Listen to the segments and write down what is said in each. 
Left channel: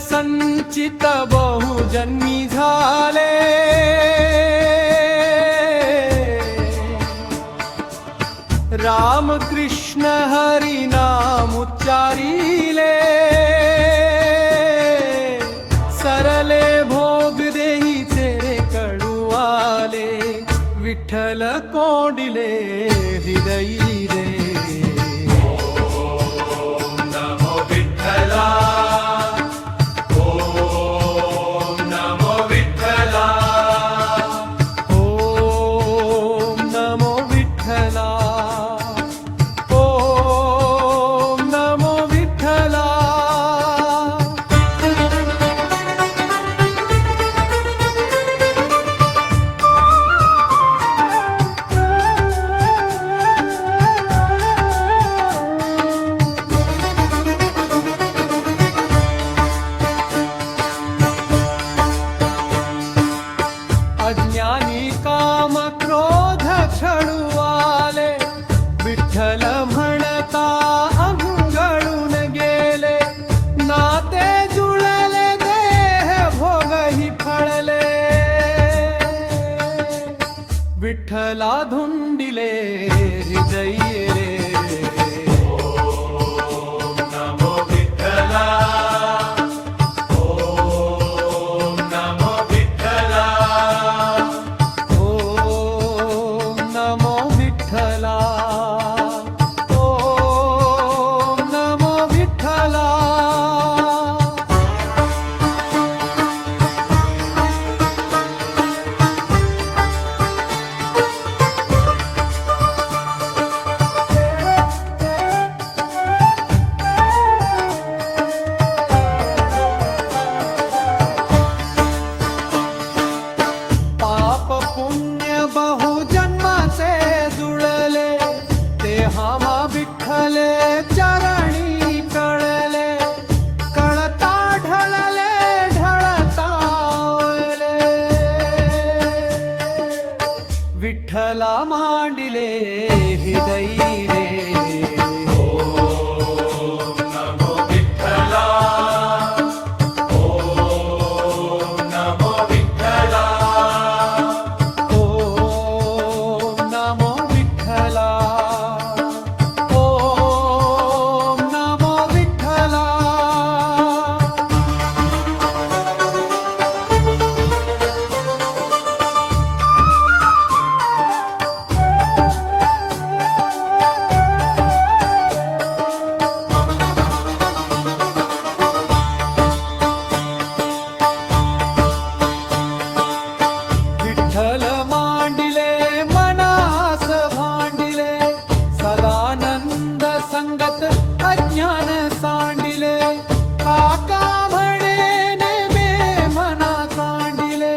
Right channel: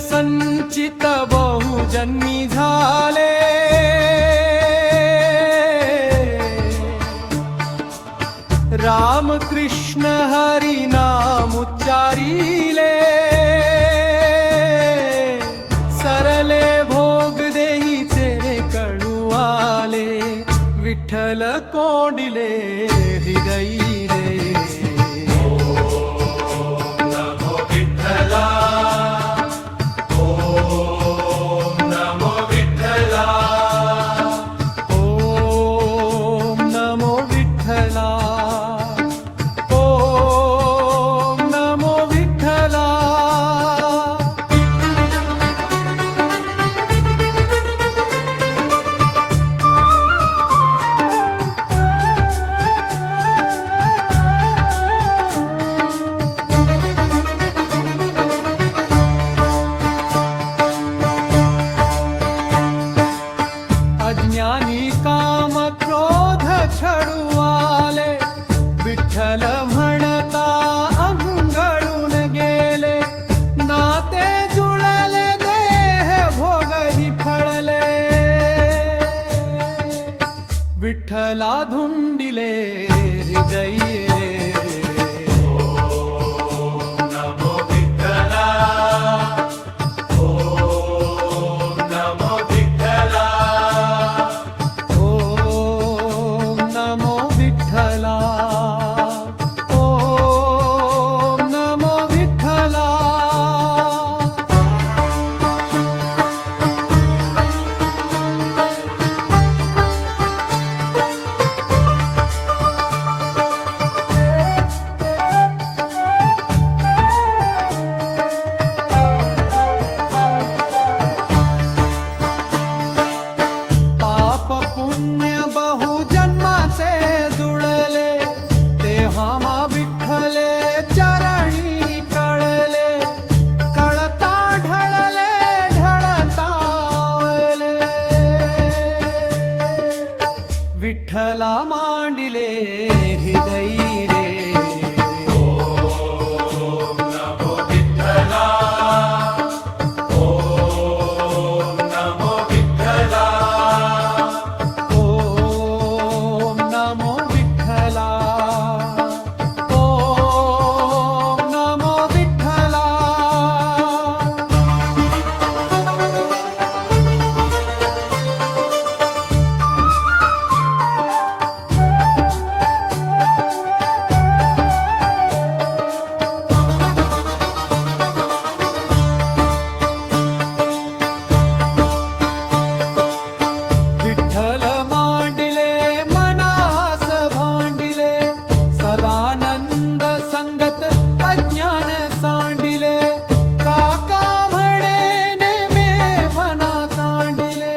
संचित बहुजन्मी झाले, राम कृष्ण हरी नाम उच्चारिले, सरले भोग देही तेरे कळुआले, विठ्ठल कोंडिले हृदयी रे। अज्ञानी काम क्रोध छळुआले, विठ्ठल म्हणता अंगळून गेले, नाते जुळले देह भोगही फळले, विठ्ठला धुंडिले हृदयी रे। विठ्ठला ओम नमो विठ्ठला। पाप पुण्य बहुजन्माचे जुळले, ते हामा विठ्ठले चरणी कळले, कळता ढळले ढळता ओले, विठ्ठला मांडिले हृदयी रे। नमो विठ्ठला ओम नमो विठ्ठला। विठ्ठल मांडिले भांडिले, सदानंद संगत अज्ञान सांडिले, काका म्हणे नेमे मना सांडिले,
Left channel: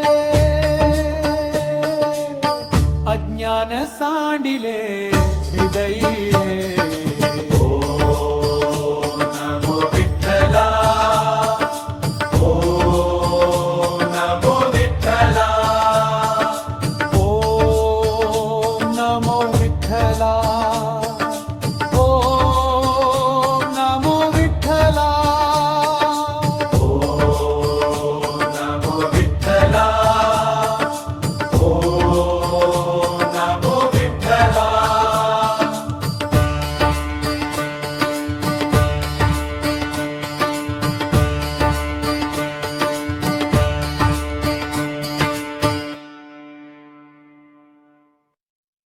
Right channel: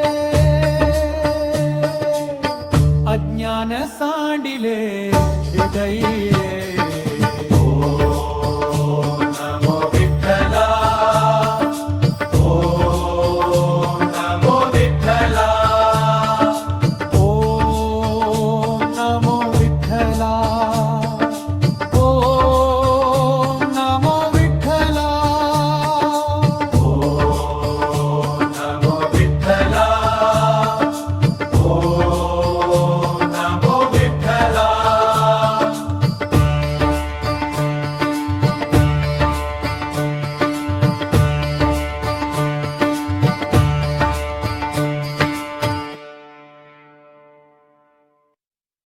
अज्ञान सांडिले हृदयी।